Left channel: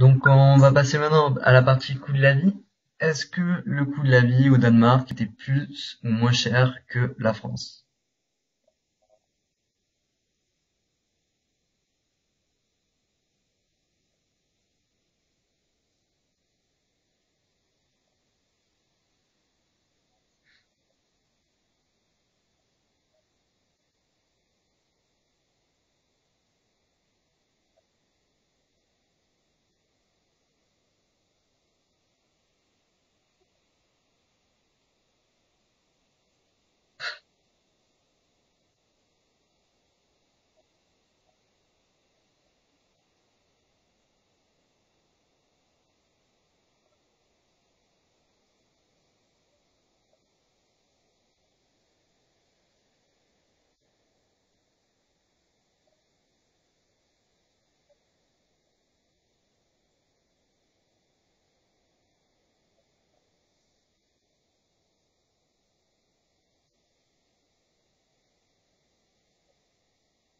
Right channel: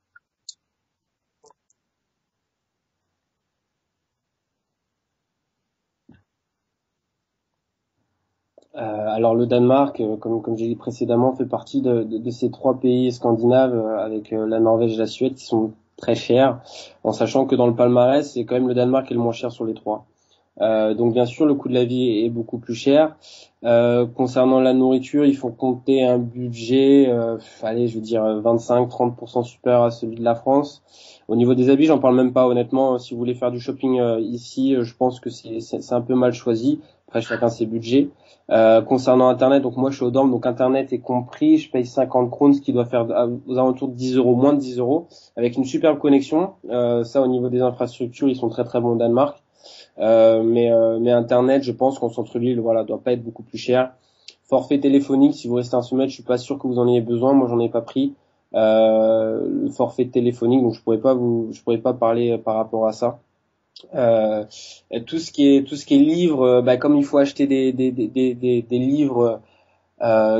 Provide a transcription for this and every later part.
Donc on va passer maintenant à la partie coût de la vie. Est-ce que le coût de la vie au Danemark était plus ou moins cher que la France? Alors le Danemark, comme j'ai dit précédemment, fait partie de ces trois pays scandinaves avec la Norvège et la Suède qui sont très chers, en sachant que dans le palmarès, c'est quand même le Danemark qui est le moins cher sur les trois. Donc bien sûr, le coût de la vie est beaucoup plus cher. Concernant la nourriture, il faut compter un budget, allez, je veux dire 25-30% supérieur à celui de la France. Au niveau des habits, j'en parle même pas honnêtement. Si vous voulez faire du shopping ici, je pense que c'est un peu mal choisi. Après, chacun ses budgets. Concernant Internet, donc moi je suis au dorm, donc Internet est compris. Je paye 50 krones, ce qui doit faire aux alentours de 10 euros, moins de 10 euros, avec une superbe connexion. Ça, au niveau des infrastructures, ils sont très très bons au Danemark. Mais Internet, je pense qu'en centre-ville, voilà, doit pas être beaucoup plus cher. Forfait téléphonique, si vous restez un semaine, je suis pas sûr que vous en ayez besoin. Moi, j'en ai pas pris. Le forfait téléphonique, donc je pourrais pas parler par rapport à ça. Euh, tout ce qui est livres, bah, comme il faut acheter des livres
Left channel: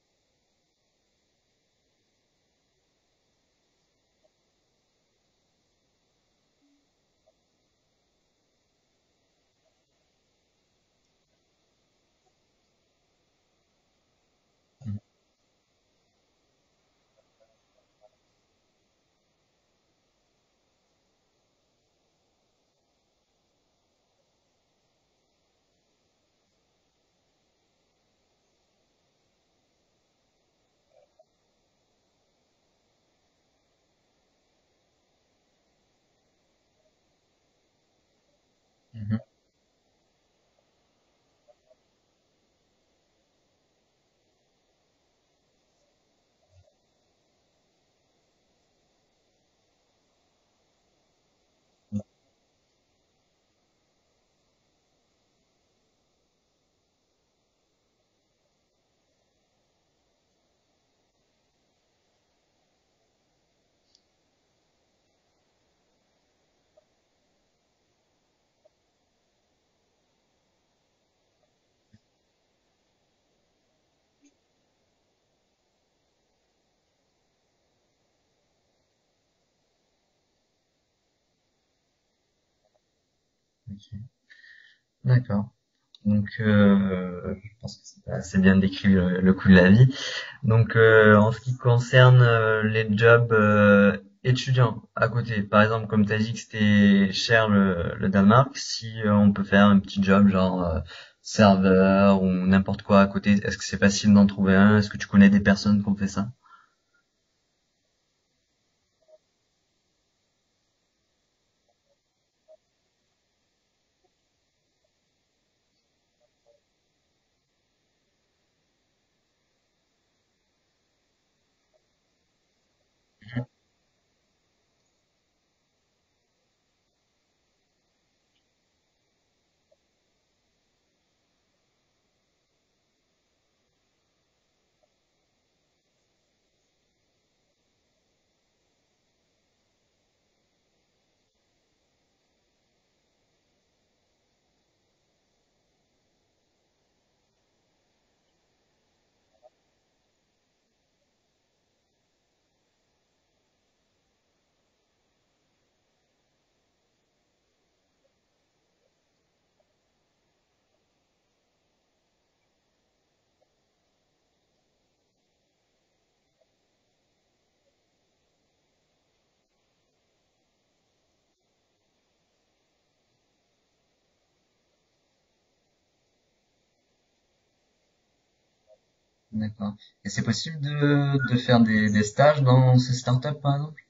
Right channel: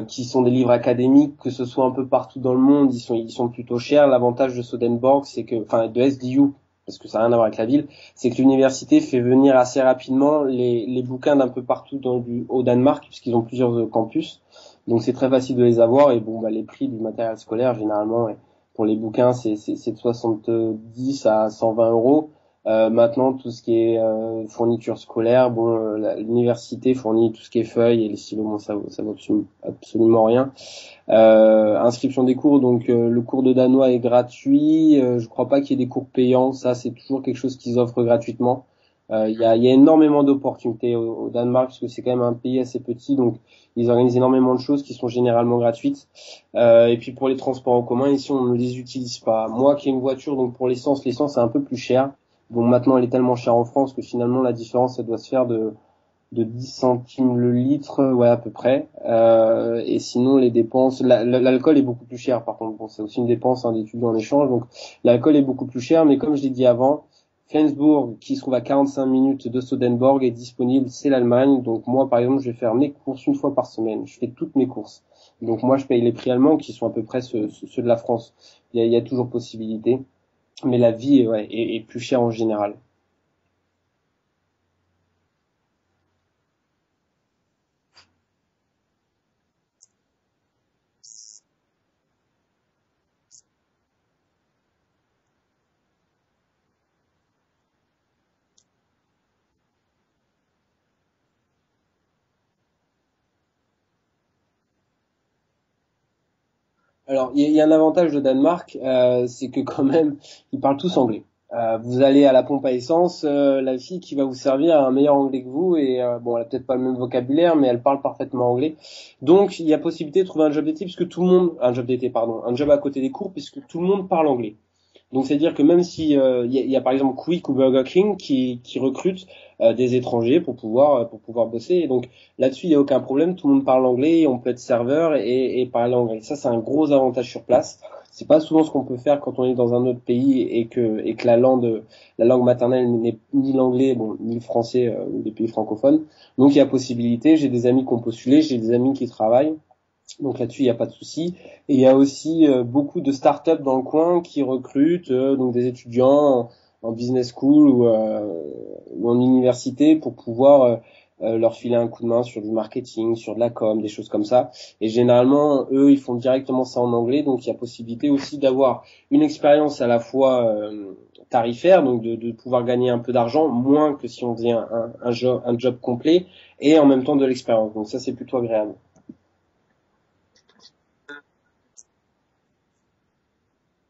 qui sont des livres académiques, que ce soit un peu partout dans le monde, ils sont plutôt chers. L'avantage de Sodenborg, c'est que, enfin, de SDU, parce que ça n'a rien à voir avec la ville, c'est que l'université fait venir assez rapidement les bouquins d'un peu partout au Danemark, puisqu'ils ont plusieurs campus. Donc c'est très facile de les avoir. Et bon, bah, les prix du matériel scolaire, généralement, ouais, pour les bouquins, c'est de 70 à 120 euros. Maintenant, tout ce qui est fourniture scolaire, bon, l'université fournit tout ce qui est feuilles et les stylos, bon, ça vaut absolument rien. Inscription des cours, donc le cours de danois est gratuit. Je crois pas qu'il y ait des cours payants. Ça, c'est toujours quelque chose qu'ils offrent gratuitement. Il y a énormément d'opportunités au Danemark parce que c'est quand même un pays assez petit, donc ils organisent énormément de choses qui sont généralement gratuites. Et puis pour les transports en commun, ici on ne les utilise pas. Moi qui ai une voiture, donc pour l'essence c'est un peu plus cher. Bon, maintenant elle est tellement chère en France que finalement la différence elle doit se faire de 10 centimes le litre, ouais, à peu près. Et sinon, les dépenses, l'alcool est beaucoup plus cher, par contre. Bon, c'est aussi une dépense, hein, d'études en échange. Donc, l'alcool est beaucoup plus cher, mais comme je l'ai dit avant, Flensburg, qui se trouve à 45 minutes de Sodenborg, est disponible, c'est l'Allemagne. Donc, moi, par exemple, je vais faire mes courses une fois par semaine. Je fais toutes mes courses. Donc, moi, je paye les prix allemands, qui sont à peu près ceux de la France. Il y a toujours possibilité. Mais la vie, ouais, est plus chère en général. Ok, d'accord. Donc je pense que c'est assez bien décrit le coût de la vie. Donc en ce qui concerne les jobs étudiants à côté, par exemple comme tu as dit que c'était cher le Danemark, si on peut faire un petit job genre serveur ou n'importe quoi à côté, est-ce que c'est facile d'en trouver un? Est-ce que tu connais des personnes qui ont fait ça? Alors, il y a un avantage de Danemark, c'est que quand même, ils parlent tous anglais. Vous allez à la pompe à essence, la fille qui va vous servir a un meilleur anglais que vous et bon, elle a peut-être pas le même vocabulaire, mais elle parle parfaitement anglais. Donc, il y a possibilité de trouver un job d'été puisque tout le monde, un job d'été, pardon, un job à côté des cours puisque tout le monde parle anglais. Donc c'est-à-dire que même si il y a par exemple Quick ou Burger King qui recrutent des étrangers pour pouvoir bosser. Et donc là-dessus il y a aucun problème, tout le monde parle anglais, on peut être serveur et parler anglais. Ça c'est un gros avantage sur place. C'est pas souvent ce qu'on peut faire quand on est dans un autre pays et que la langue maternelle n'est ni l'anglais bon ni le français ou des pays francophones. Donc il y a possibilité. J'ai des amis qui ont postulé, j'ai des amis qui travaillent. Donc là-dessus, il n'y a pas de souci. Et il y a aussi beaucoup de startups dans le coin qui recrutent donc des étudiants en business school ou en université pour pouvoir leur filer un coup de main sur du marketing, sur de la com, des choses comme ça. Et généralement, eux, ils font directement ça en anglais. Donc il y a possibilité aussi d'avoir une expérience à la fois tarifaire, donc de pouvoir gagner un peu d'argent, moins que si on faisait un job complet, et en même temps de l'expérience. Donc ça, c'est plutôt agréable. D'accord. Et c'est possible de faire des stages dans ces startups par exemple?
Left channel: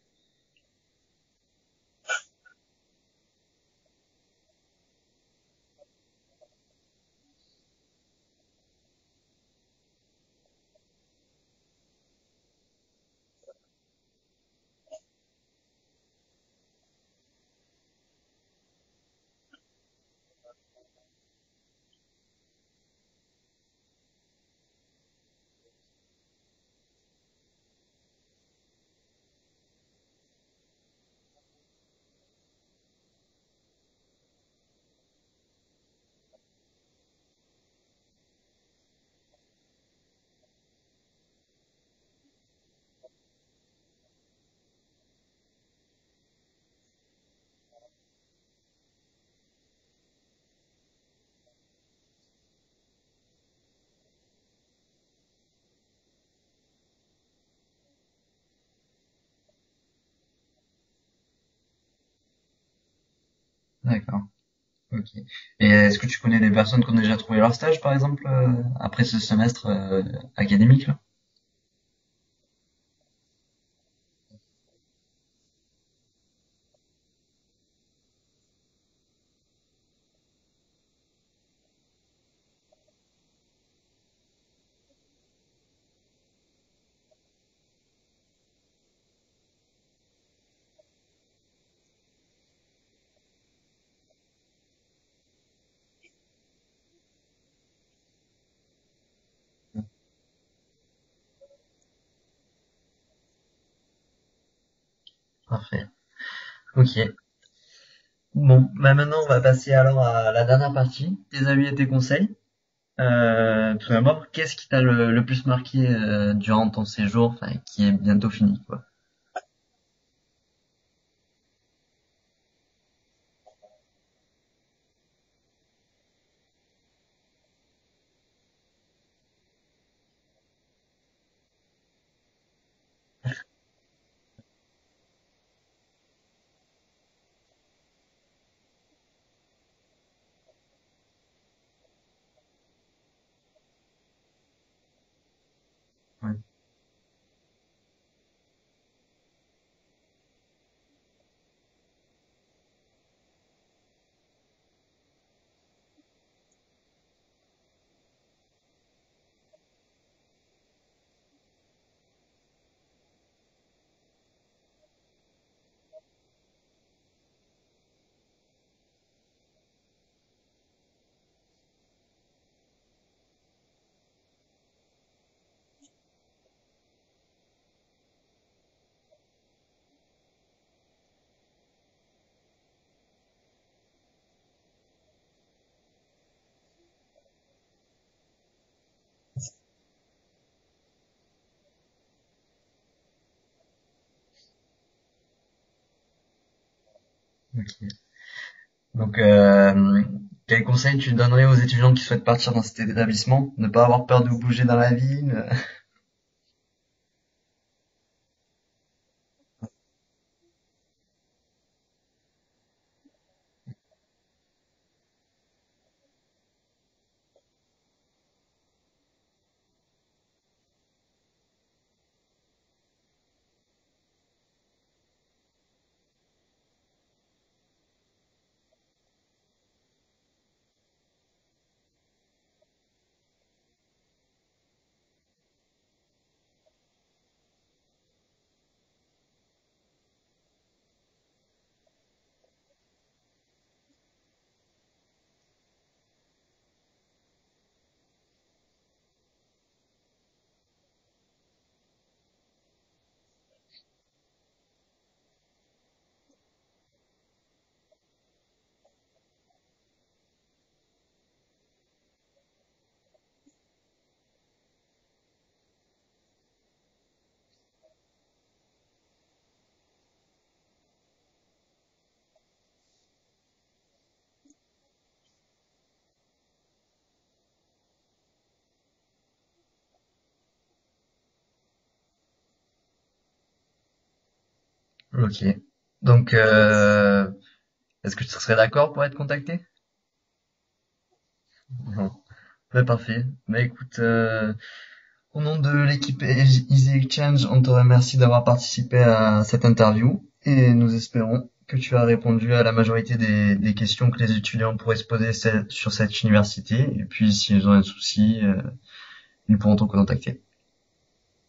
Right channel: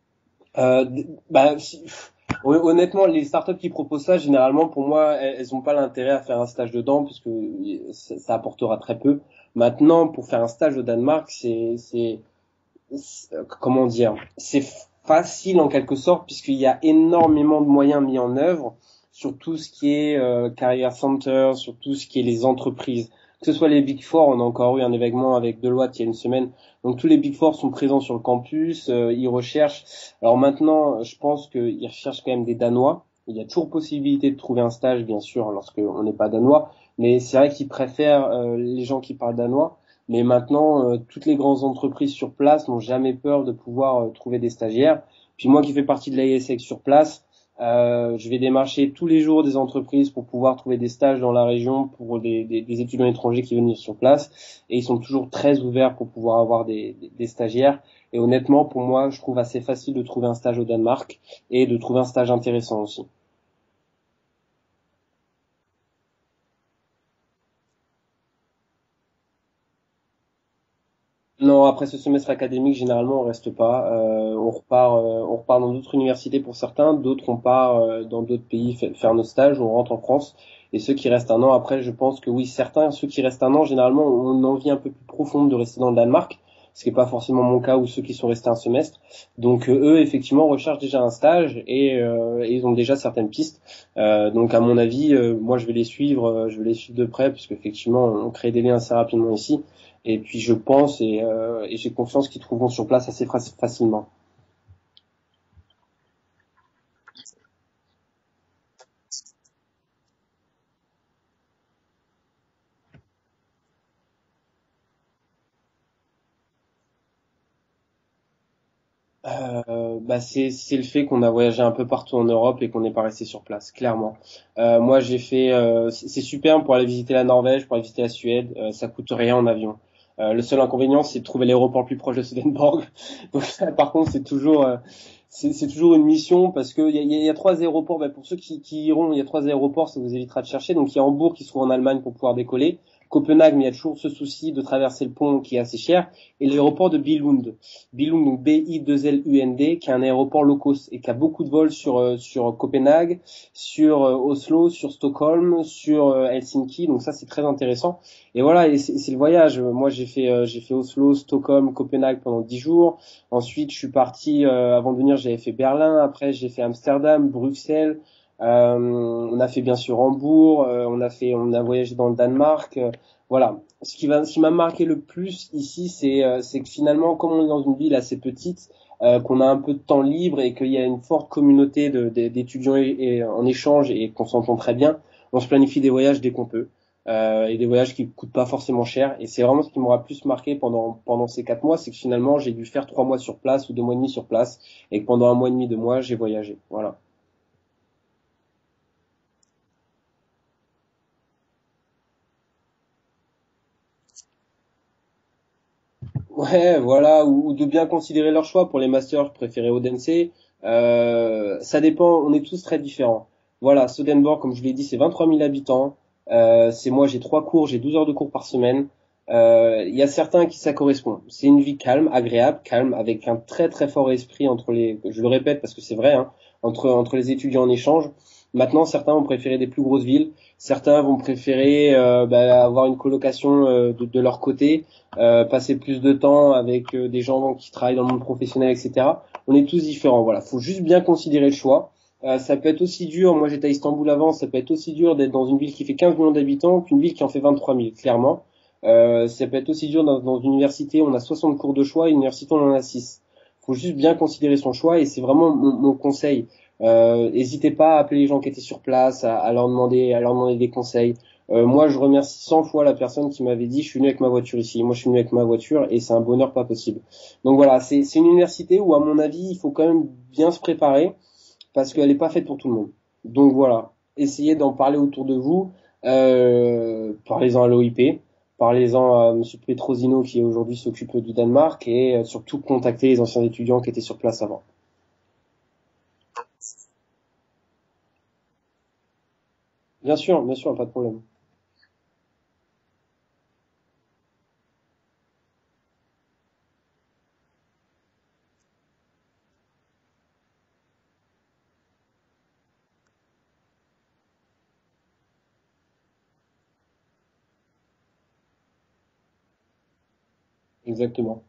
Euh, bah, honnêtement, les startups qui proposent ça, généralement, pour moi, elles ont pas l'intérêt à faire un stage dedans, puisque ça apportera très peu. Maintenant, pour faire un stage au Danemark, comment dire, c'est facile en quelque sorte, puisqu'il y a énormément de moyens mis en œuvre sur tout ce qui est Career Center, sur tout ce qui est les entreprises. Que ce soit les Big Four, on a encore eu un événement avec Deloitte il y a une semaine. Donc tous les Big Four sont présents sur le campus, ils recherchent. Alors maintenant, je pense qu'ils recherchent quand même des Danois. Il y a toujours possibilité de trouver un stage, bien sûr, lorsqu'on n'est pas danois. Mais c'est vrai qu'ils préfèrent les gens qui parlent danois. Mais maintenant, toutes les grandes entreprises sur place n'ont jamais peur de pouvoir trouver des stagiaires, Puis moi qui fais partie de l'AESEC sur place, je vais démarcher tous les jours des entreprises pour pouvoir trouver des stages dans la région pour des étudiants étrangers qui viennent sur place. Et ils sont toujours très ouverts pour pouvoir avoir des stagiaires. Et honnêtement, pour moi, je trouve assez facile de trouver un stage au Danemark et de trouver un stage intéressant aussi. D'accord. Ok. Et est-ce que tu connais des personnes qui ont déjà trouvé leur stage, par exemple, après ce semestre académique là? Non, après ce semestre académique, généralement, on reste pas. On repart dans d'autres universités pour certains, d'autres on part dans d'autres pays faire nos stages, on rentre en France. Et ceux qui restent un an après, je pense que oui, certains, ceux qui restent un an, généralement, ont une envie un peu plus profonde de rester dans le Danemark, ce qui n'est pas forcément mon cas ou ceux qui sont restés un semestre. Donc eux, effectivement, recherchent déjà un stage et ils ont déjà certaines pistes. Donc à mon avis, moi je vais les suivre de près, puisque effectivement, on crée des liens assez rapidement ici. Et puis je pense et j'ai confiance qu'ils trouveront sur place assez facilement. Parfait. Ok. Bon, bah maintenant on va passer alors à la dernière partie, tes avis et tes conseils. Tout d'abord, qu'est-ce qui t'a le plus marqué durant ton séjour, enfin, qui est bientôt fini, quoi. Bah c'est le fait qu'on a voyagé un peu partout en Europe et qu'on n'est pas resté sur place, clairement. Moi j'ai fait c'est super pour aller visiter la Norvège, pour aller visiter la Suède, ça coûte rien en avion. Le seul inconvénient c'est de trouver l'aéroport le plus proche de Swedenborg. Donc ça, par contre c'est toujours une mission parce que il y a trois aéroports. Bah, pour ceux qui iront, il y a trois aéroports, ça vous évitera de chercher. Donc il y a Hambourg qui se trouve en Allemagne pour pouvoir décoller. Copenhague, mais il y a toujours ce souci de traverser le pont qui est assez cher. Ouais. Et l'aéroport de Billund. Billund, donc B-I-2-L-U-N-D, qui est un aéroport low cost et qui a beaucoup de vols sur Copenhague, sur Oslo, sur Stockholm, sur Helsinki. Donc ça, c'est très intéressant. Et voilà, et c'est le voyage. Moi, j'ai fait Oslo, Stockholm, Copenhague pendant 10 jours. Ensuite, je suis parti, avant de venir, j'avais fait Berlin. Après, j'ai fait Amsterdam, Bruxelles. On a fait bien sûr Hambourg. On a voyagé dans le Danemark. Voilà. Ce qui m'a marqué le plus ici, c'est que finalement, comme on est dans une ville assez petite, qu'on a un peu de temps libre et qu'il y a une forte communauté d'étudiants en échange et qu'on s'entend très bien, on se planifie des voyages dès qu'on peut. Et des voyages qui coûtent pas forcément cher. Et c'est vraiment ce qui m'aura plus marqué pendant ces 4 mois, c'est que finalement j'ai dû faire 3 mois sur place ou 2 mois et demi sur place, et que pendant un mois et demi, 2 mois, j'ai voyagé. Voilà. Ok. Donc, quel conseil tu donnerais aux étudiants qui souhaitent partir dans cet établissement? Ne pas avoir peur de bouger dans la ville? Ouais, voilà, ou de bien considérer leur choix. Pour les masters, je préférais Odense. Ça dépend, on est tous très différents. Voilà, Swedenborg, comme je l'ai dit, c'est 23 000 habitants. C'est moi, j'ai 3 cours, j'ai 12 heures de cours par semaine. Il y a certains qui ça correspond. C'est une vie calme, agréable, calme, avec un très très fort esprit entre je le répète parce que c'est vrai, hein, entre les étudiants en échange. Maintenant, certains vont préférer des plus grosses villes. Certains vont préférer avoir une colocation de leur côté, passer plus de temps avec des gens qui travaillent dans le monde professionnel, etc. On est tous différents. Voilà, faut juste bien considérer le choix. Ça peut être aussi dur, moi j'étais à Istanbul avant, ça peut être aussi dur d'être dans une ville qui fait 15 millions d'habitants qu'une ville qui en fait 23 000, clairement. Ça peut être aussi dur dans une université, on a 60 cours de choix, une université on en a 6. Faut juste bien considérer son choix et c'est vraiment mon conseil. N'hésitez pas à appeler les gens qui étaient sur place, à leur demander des conseils. Moi, je remercie 100 fois la personne qui m'avait dit, je suis venu avec ma voiture ici. Moi, je suis venu avec ma voiture et c'est un bonheur pas possible. Donc voilà, c'est une université où, à mon avis, il faut quand même bien se préparer parce qu'elle n'est pas faite pour tout le monde. Donc voilà, essayez d'en parler autour de vous. Parlez-en à l'OIP, parlez-en à Monsieur Petrosino qui aujourd'hui s'occupe du Danemark et surtout contactez les anciens étudiants qui étaient sur place avant. Ok. Donc, est-ce que tu serais d'accord pour être contacté? Bien sûr, pas de problème. Bon. Ouais, parfait. Bah écoute, au nom de l'équipe Easy Exchange, on te remercie d'avoir participé à cette interview et nous espérons que tu as répondu à la majorité des questions que les étudiants pourraient se poser sur cette université. Et puis, s'ils ont un souci, ils pourront te contacter. Exactement.